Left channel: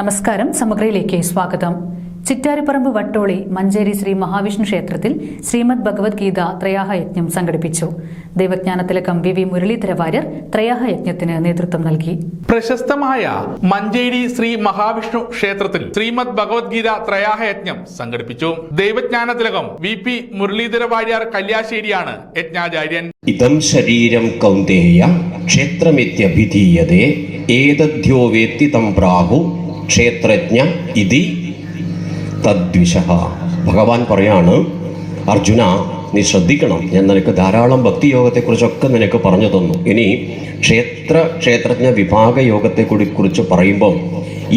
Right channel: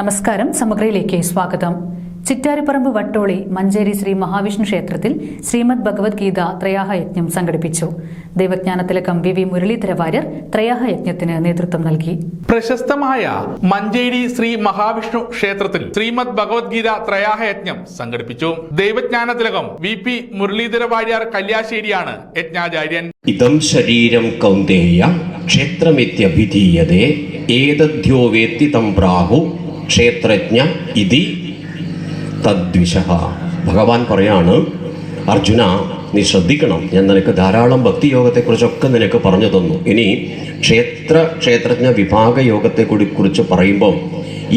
നമസ്കാരം. സമഗ്രയിലേക്ക് സ്വാഗതം. ചിറ്റാരിപ്പറമ്പ് വട്ടോളി മഞ്ചേരി ശ്രീ മഹാവിഷ്ണു ക്ഷേത്രത്തിൽ ശ്രീമദ് ഭഗവത്ഗീത ത്രയാഹയജ്ഞം സംഘടിപ്പിച്ചു. ദൈവജ്ഞാനത്തിലകം വി മുരളീധര വാര്യർ ത്രയാഹയജ്ഞത്തിന് നേതൃത്വം നൽകി. പ്രശസ്തമായ മഞ്ചേരി ശ്രീ മഹാവിഷ്ണു ക്ഷേത്രത്തിൽ ശ്രീമദ് ഭഗവത്ഗീത ത്രയാഹയജ്ഞം സംഘടിപ്പിച്ചു. ദൈവജ്ഞാനത്തിലകം വി മുരളീധര വാര്യർ കല്യാശ്ശേരിയാണ് യജ്ഞാചാര്യൻ. ഇതം ശരീരം കൗന്ദേയ ക്ഷേത്രമിത്യഭിധീയതേ ഏതദ്ധ്യോ വേത്തി തം പ്രാഹു ക്ഷേത്രജ്ഞ ഇതി തദ്വിശഃ. ഭഗവാൻ പറയാണ്, അർജുന നീ ശ്രദ്ധിക്കണം, ഞാൻ നിനക്ക് ധാരാളം ഭക്തിയോഗത്തെക്കുറിച്ചൊക്കെ നിനക്ക് പറഞ്ഞു തന്നു. ഇനി ക്ഷേത്രജ്ഞ വിഭാഗ യോഗത്തെ കുറിച്ച് പറയുമ്പോൾ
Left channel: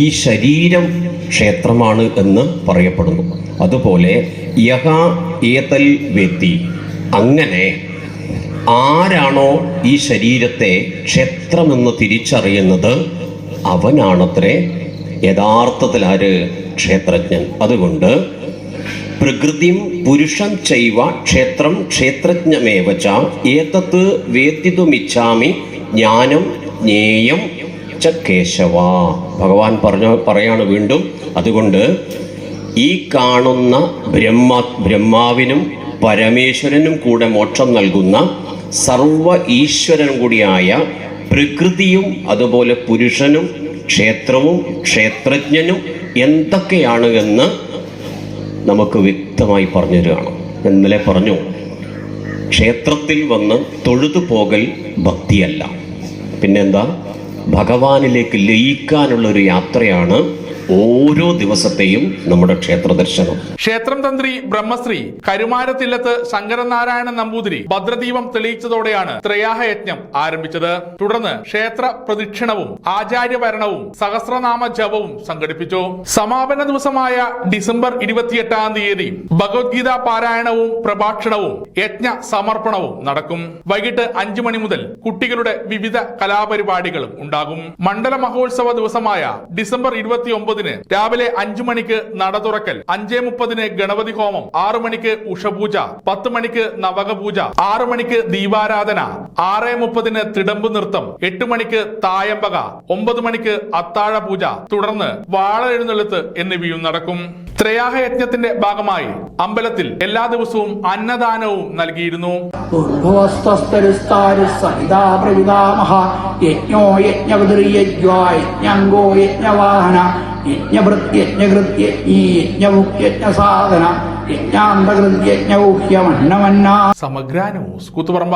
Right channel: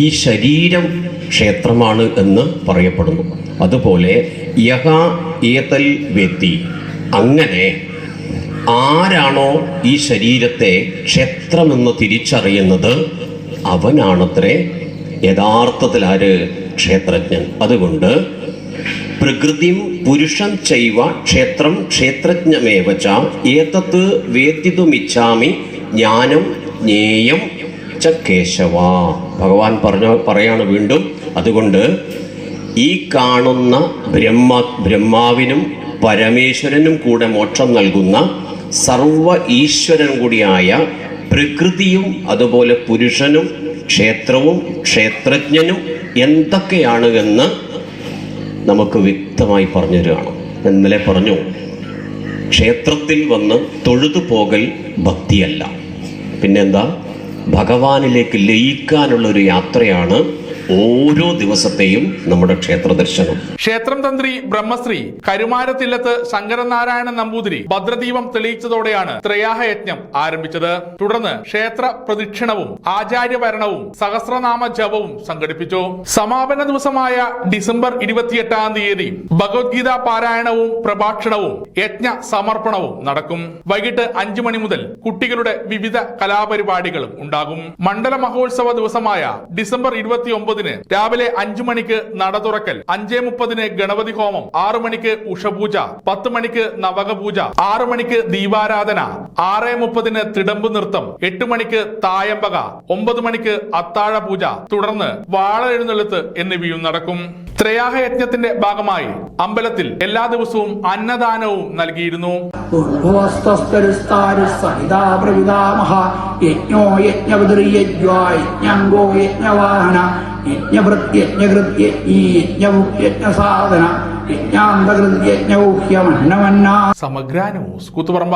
ഈ ശരീരം ക്ഷേത്രമാണ് എന്ന് പറയപ്പെടുന്നു. അതുപോലെ യഹ ഏതൽ വേത്തി, അങ്ങനെ ആരാണോ ഈ ശരീരത്തെ ക്ഷേത്രമെന്ന് തിരിച്ചറിയുന്നത് അവനാണത്രേ യഥാർത്ഥത്തിൽ ആര്? ക്ഷേത്രജ്ഞൻ. അതുകൊണ്ട് പ്രകൃതിം പുരുഷൻ ചൈവ ക്ഷേത്രം ക്ഷേത്രജ്ഞമേവച ഏതത് വേത്തിതുമിച്ഛാമി ജ്ഞാനം ജ്ഞേയം ച കേശവ. ഭഗവാൻ പറയാണ് വീണ്ടും, അതുകൊണ്ട് ഈ കാണുന്ന ബ്രഹ്മാവിനും പരമേശ്വരനും കൂടെ മോക്ഷം നൽകുന്ന സർവ ഈശ്വരനും കൂടിയായ പ്രകൃതിയും അതുപോലെ പുരുഷനും ക്ഷേത്രവും ക്ഷേത്രജ്ഞനും എന്തൊക്കെയാണ് എന്ന് നമുക്ക് വ്യക്തമായി പറഞ്ഞു തരികയാണ്. ഇന്നലെ പറഞ്ഞു, ക്ഷേത്രത്തിൽ വന്ന് തൊഴുതു പോകൽ ഭക്തിയല്ല, പിന്നെന്താ? ഭഗവാനിലേക്ക് ലയിക്കാനുള്ള ഒരു യാത്രയാണ് ഓരോ ദിവസത്തെയും നമ്മുടെ ക്ഷേത്ര ദർശനം. ക്ഷേത്രം തന്ത്രി ബ്രഹ്മശ്രീ കരുമാരത്തില്ലത്ത് ശങ്കരനാരായണൻ നമ്പൂതിരി ഭദ്രദീപം തെളിയിച്ചതോടെയാണ് ത്രയാഹയജ്ഞം ആരംഭിച്ചത്. തുടർന്ന് ക്ഷേത്ര പ്രദക്ഷിണവും ആചാര്യഭരണവും സഹസ്രനാമ ജപവും സംഘടിപ്പിച്ചു. സമാപന ദിവസമായ ഡിസംബർ 28-ാം തീയതി ഭഗവത്ഗീത പാരായണവും പ്രഭാഷണവും യജ്ഞ സമർപ്പണവും നടക്കും. വൈകിട്ട് 5 മണി മുതൽ കുട്ടികളുടെ വിവിധ കലാപരിപാടികളും ഉണ്ടാകും. മണ്ഡല മഹോത്സവ ദിവസമായ ഡിസംബർ 29 രാവിലെ 5 മണിക്ക് നട തുറക്കൽ, 5:30 ഗണപതി ഹോമം, 6 മണിക്ക് ഉഷപൂജ, 10 മണിക്ക് നവകപൂജ, 6 മണിക്ക് ദീപാരാധന, 6:30 തിടമ്പ് നൃത്തം, 8 മണിക്ക് തായമ്പക, 9 മണിക്ക് അത്താഴ പൂജ, തുടർന്ന് വാള എഴുന്നള്ളത്ത് എന്നിവയും നടക്കും. ത്രയാഹയജ്ഞത്തിന്റെ ഭാഗമായി അമ്പലത്തിൽ എല്ലാ ദിവസവും അന്നദാനവും നൽകിയിരുന്നു. സമഗ്ര ന്യൂസ് കൂത്തുപറമ്പ.